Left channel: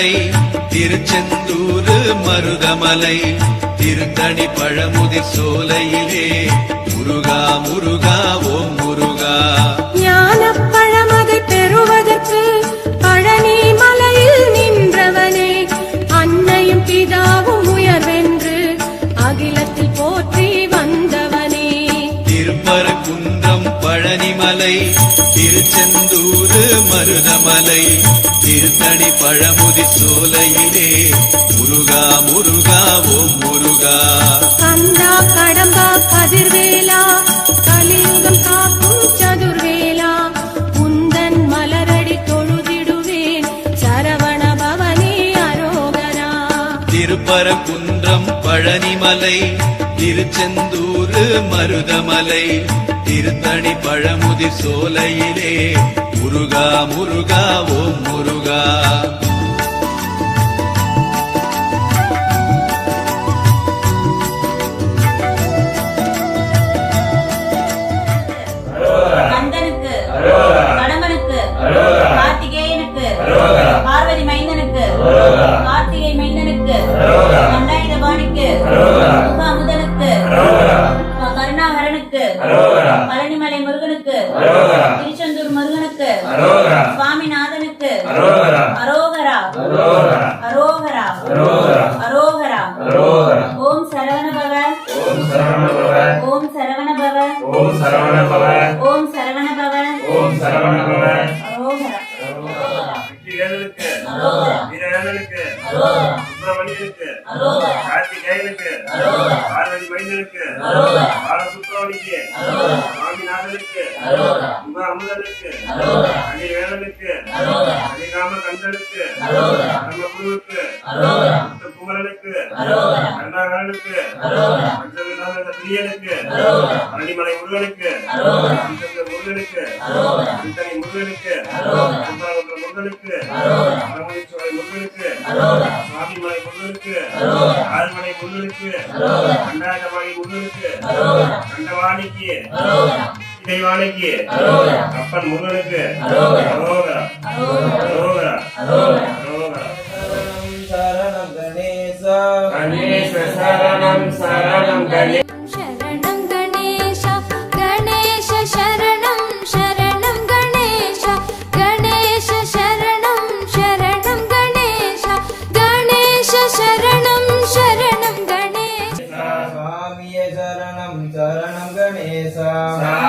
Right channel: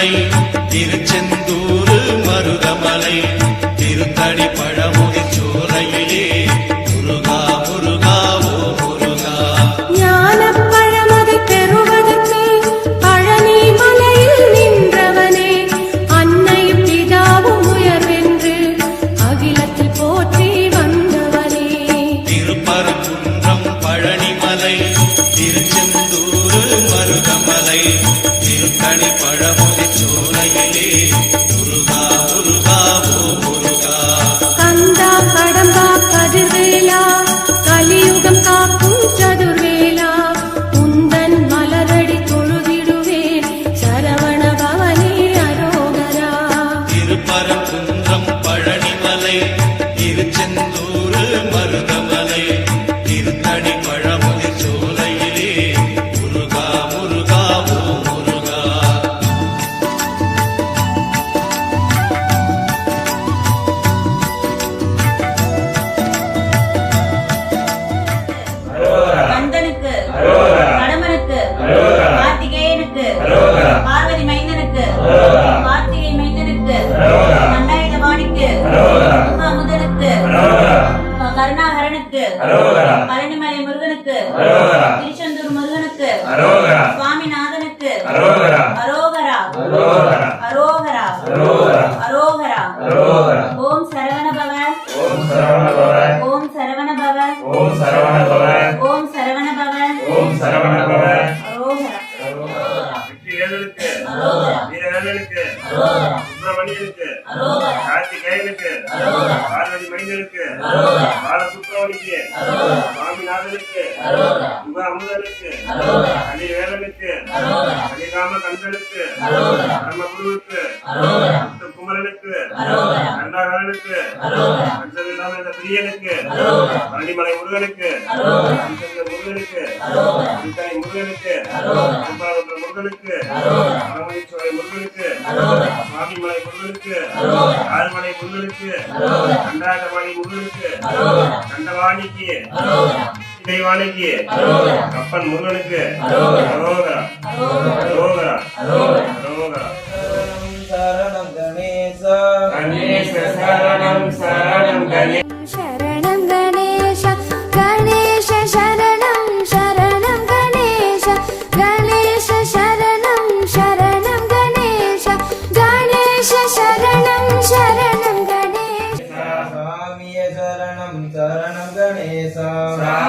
மருதமலை திருச்செந்தூர் மருதமலை திருத்தடி பழமுகை சோலையிலே. Aroga. அன்பு அமுதனுக்கு அணி வேலனுக்கு அணிராம கந்தனுக்கு நம்ம குருவுக்கு குமரனுக்கு நந்தாகரனுக்கு பஞ்சவிதான பிரியனுக்கு பழனிமலை முருகனுக்கு கருணைக்கு அப்பன் முருகனுக்கு அரோகரா அரோகரா அரோகரா சரணம் கணேசா கணேச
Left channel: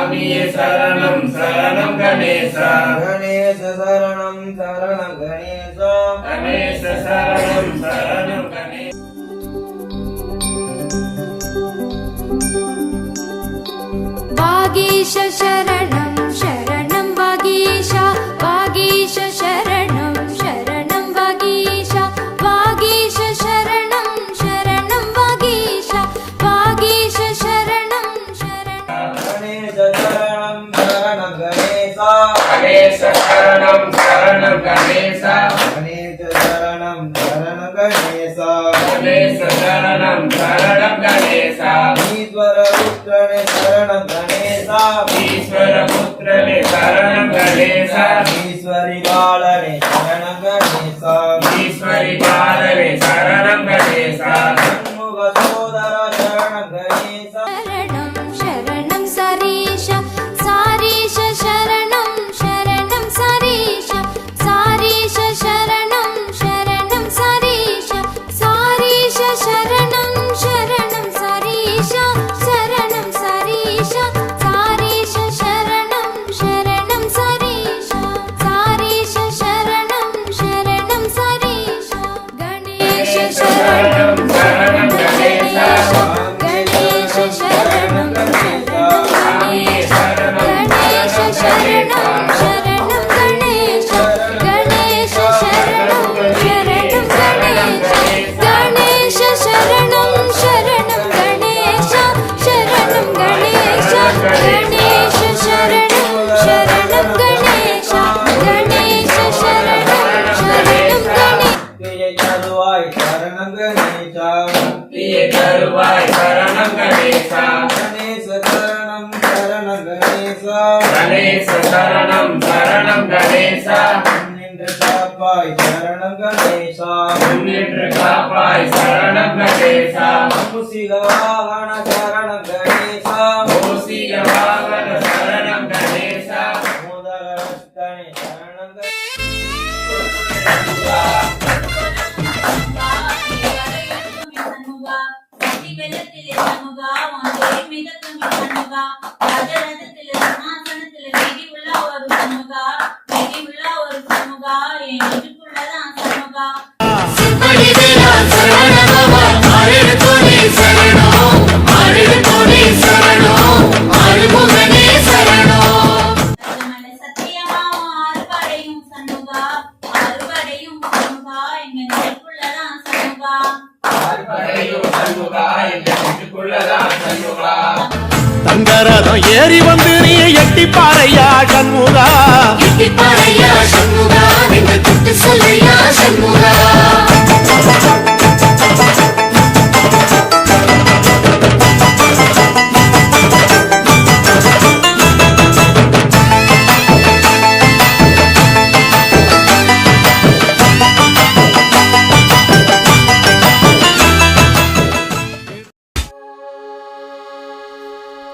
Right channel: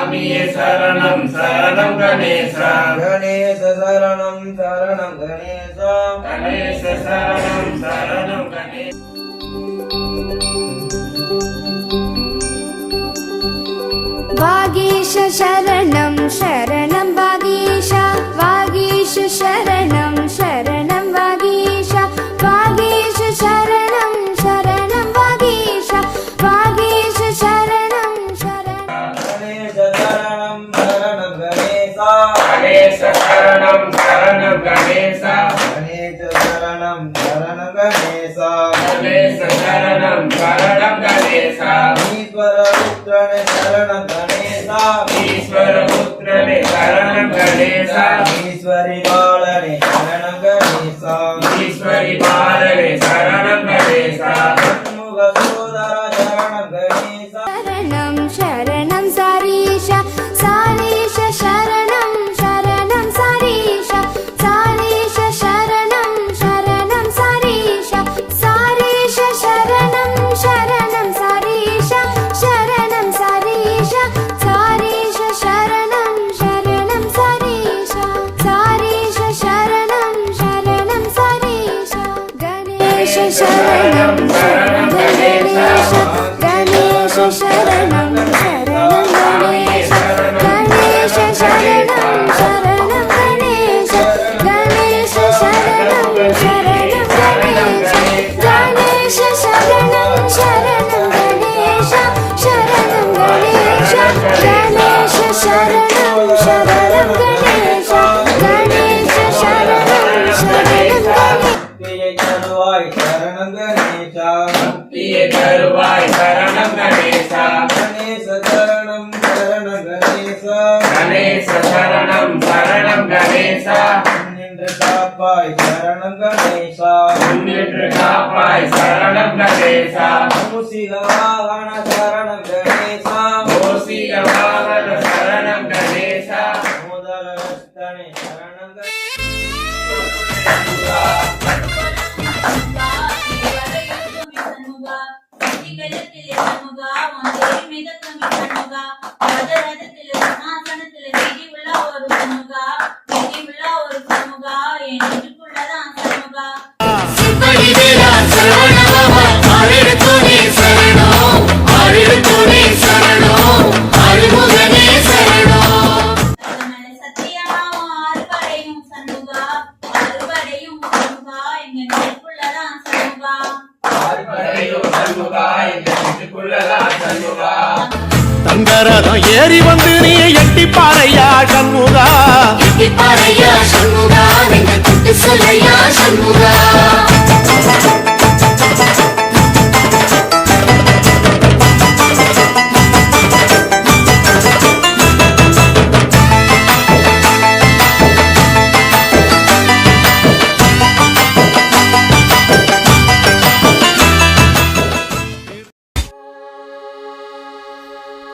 சாமியே சரணம் சரணம் கணேசா கணேச சரணம் சரணம் கணேசா கணேச சரணம் சரணம் கணேசா வாகீஷ சரணம் சரணம் வாகீஷா வாகீஷ சரணம் கணேசா. கணேச சரணம் சரண கணேசா. கணேச சரணம் சரணம் கணேசா. ஈஸ்வர புத்திரனே ஈஸ்வரி பாலனே சரணம் கணேசா. ஈஸ்வரி பாலனே காப்பாய் சரணம் கணேசா. முன்னின்று காப்பாய் சரணம் கணேசா. மூசிக வாகன சரணம் கணேசா ஓசிக வாகன சரணம் கணேசா மோதர ரஸ்தனே சரணம் கணேசா சிப்படிவேலா தங்கரதம் ஏறி வந்து நீ எட்டி பாறையா சண்முகா. எட்டிப்பாறையா சண்முகா என்று சொல்லையா சண்முகா.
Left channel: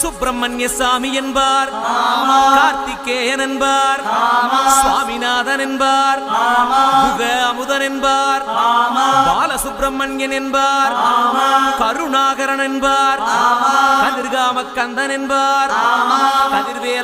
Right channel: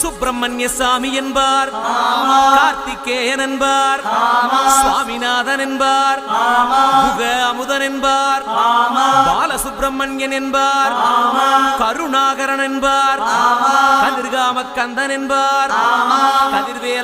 சுப்பிரமணிய சாமி என்பார் கார்த்திகேயன் என்பார் சுவாமிநாதன் என்பார் முக அமுதன் என்பார் பாலசுப்பிரமணியன் என்பார் கருணாகரன் என்பார் கதிர்காம கந்தன் என்பார் கதிர்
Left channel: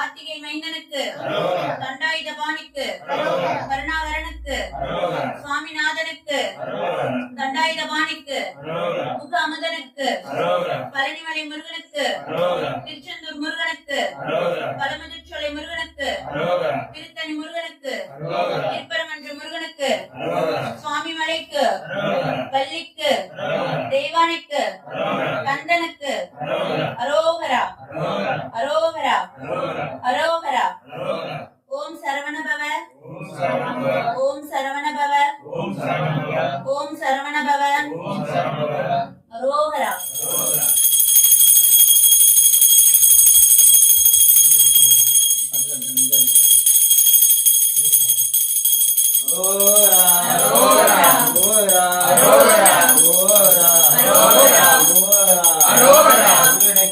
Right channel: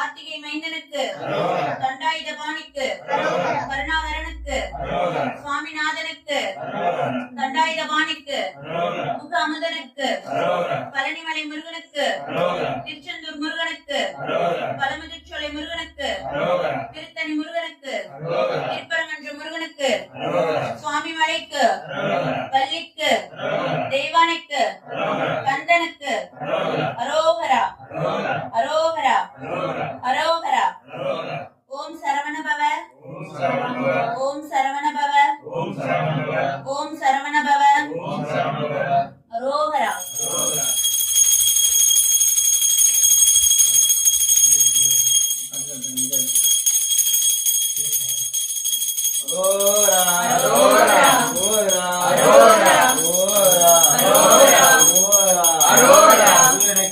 கார்த்திகை மைந்தனுக்கு தண்டாயுதபாணிக்கு கருணாவரனுக்கு சுவாமிநாதனுக்கு தண்டாயுதபாணிக்கு முக அமுதனுக்கு பழனிமலை முருகனுக்கு திருச்செந்தூர் முருகனுக்கு பழமுதிர்ச்சோலை முருகனுக்கு திருத்தணி முருகனுக்கு திருப்பரங்கன்று முருகனுக்கு சுவாமி மலைக்கு பள்ளிக்கு தேவானைக்கு கந்தனுக்கு அரோகரா.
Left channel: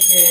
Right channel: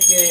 থেকে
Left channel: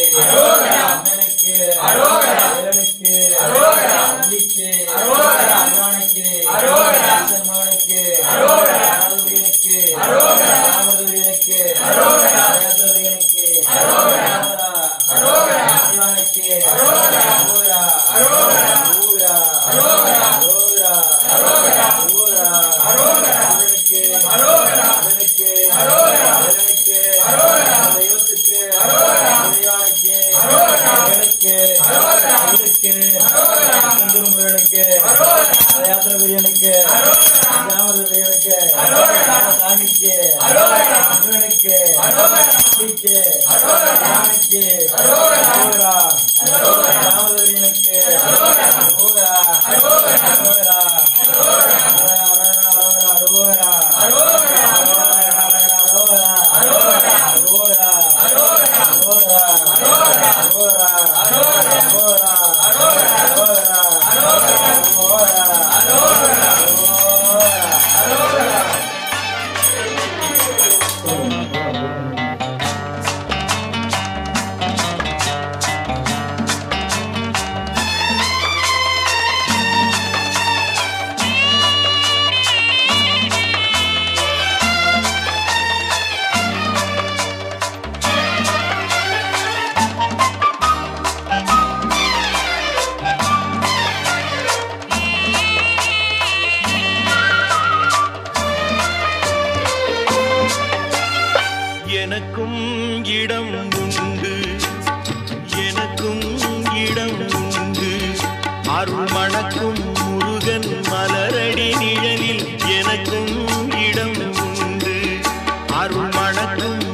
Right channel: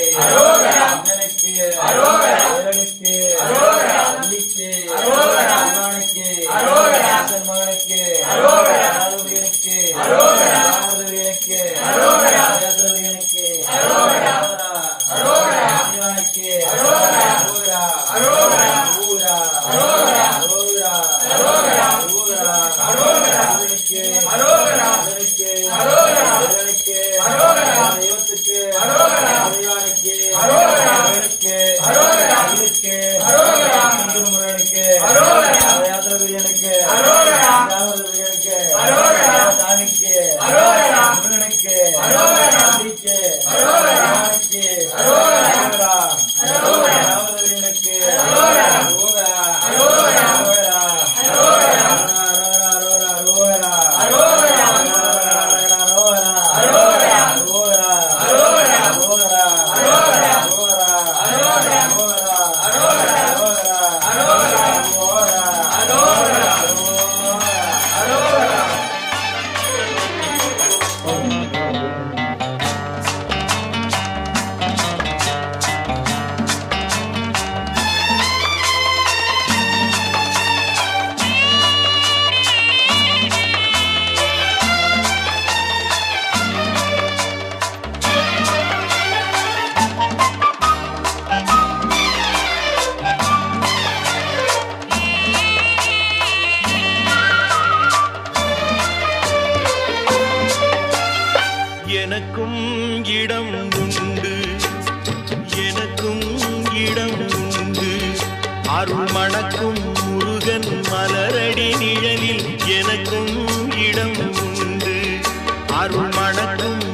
வாழும்